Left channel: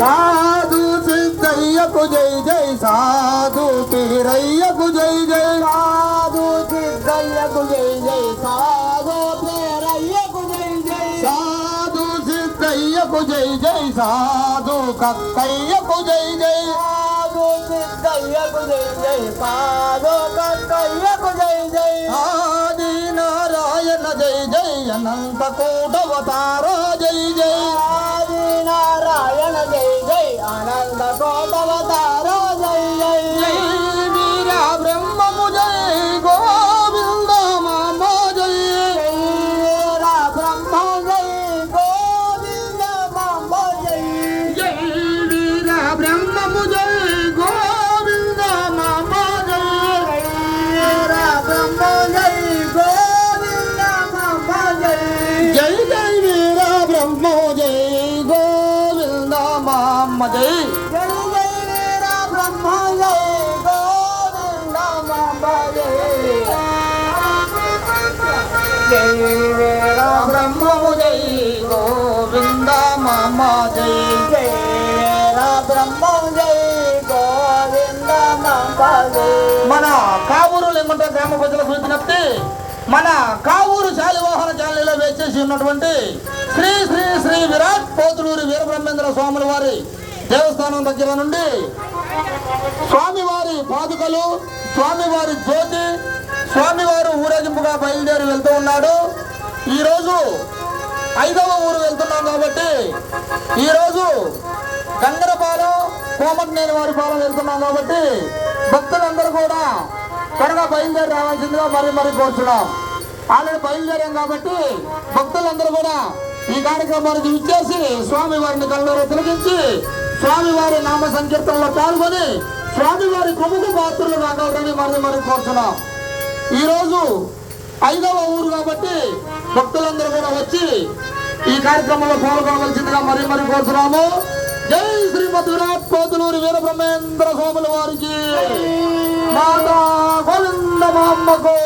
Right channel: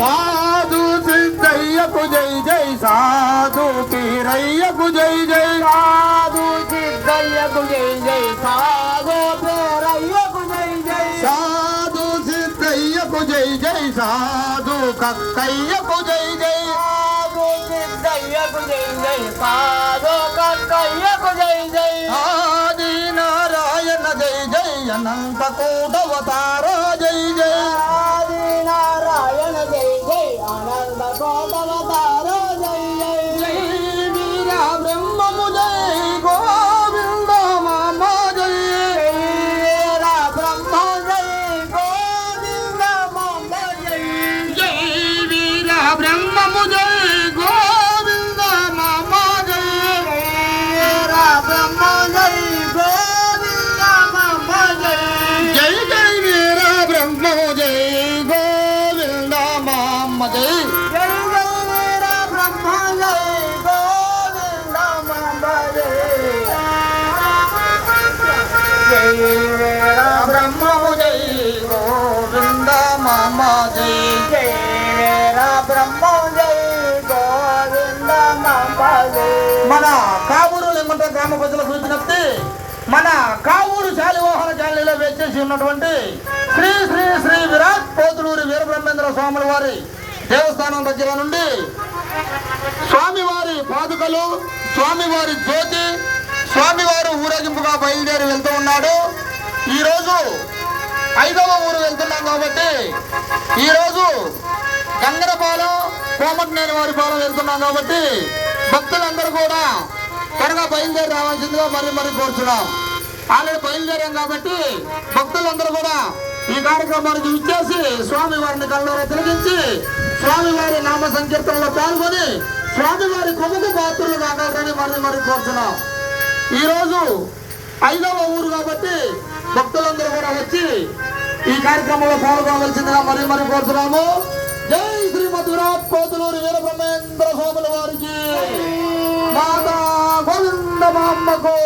సాధు సిద్ధయ్యకు జై జై సాధు పీరయ్యకు జై జై సాధు సిద్ధయ్యకు జై జై సాధు పేరయ్యకు జై జై సాధు సిద్ధయ్యకు జై జై సాధు కక్కయ్యకు జై జై సాధు సిద్ధయ్యకు జై జై సాధు కక్కయ్యకు జై జై ఆది నారాయణ జై జై అనంత కోటవతార జై జై ఆది నారాయణ జై జై ఆనంద కోటవతార జై జై జై వీర బ్రహ్మము జై గోవింద మామ జై వీర బ్రహ్మ జై గోవింద మామ జై జై వీర బ్రహ్మము జై గోవింద మామ జై వీర బ్రహ్మ జై గోవింద మామ జై జై జై వీర బ్రహ్మము జై గోవింద మామ జై జై జై వీర బ్రహ్మ జై గోవింద మామ జై జై వీర బ్రహ్మము జై గోవింద మామ జై జై వీర బ్రహ్మ జై గోవింద మామ జై మన కావూరు లింగంట గ్రామ ప్రజలకు చూసినట్టు మన కావూరు శాలివాహన ఛానల్లో వేచేసి ఉన్నటువంటి శ్రీ శ్రీ శ్రీ విరాట్ పోతులూరి వీరబ్రహ్మేంద్ర స్వాముల వారి దేవస్థానం దగ్గర నుండి స్వామివారి పాదుకలు స్వామివారి జ్యోతి స్వామివారు ఊరేగింపుగా బయలుదేరి వెళ్తూ ఉన్నాడు. ఈరోజు 5వ ఊరు వెళ్తున్నాం కాబట్టి ఈరోజు గంగరపాలెం కోమటినేని వారి పాలెం వెళ్తున్నాం కాబట్టి భక్తులందరూ కూడా త్వరగా బయలుదేరి రావాల్సిందిగా మరి కోరుతున్నాం. ఆల్రెడీ బయలుదేరాం కాబట్టి భక్తులందరూ కూడా ఈ కార్యక్రమానికి విచ్చేసి స్వామివారిని కళ్ళలో తిలకించి స్వామివారి నామ సంకీర్తనలో పాల్గొని స్వామివారి కృపకు పాత్రలు కాగలరని మరి కోరుతున్నాం. ఈరోజు 5వ ఊరు కాబట్టి భక్తులందరూ కూడా వచ్చి ఈ కార్యక్రమంలో పాల్గొనవలసిందిగా మరి కోరుతున్నాము. జై శ్రీమద్ విరాట్ పోతులూరి వీరబ్రహ్మేంద్ర స్వాముల వారికి మాతా గోవింద మామ్మకు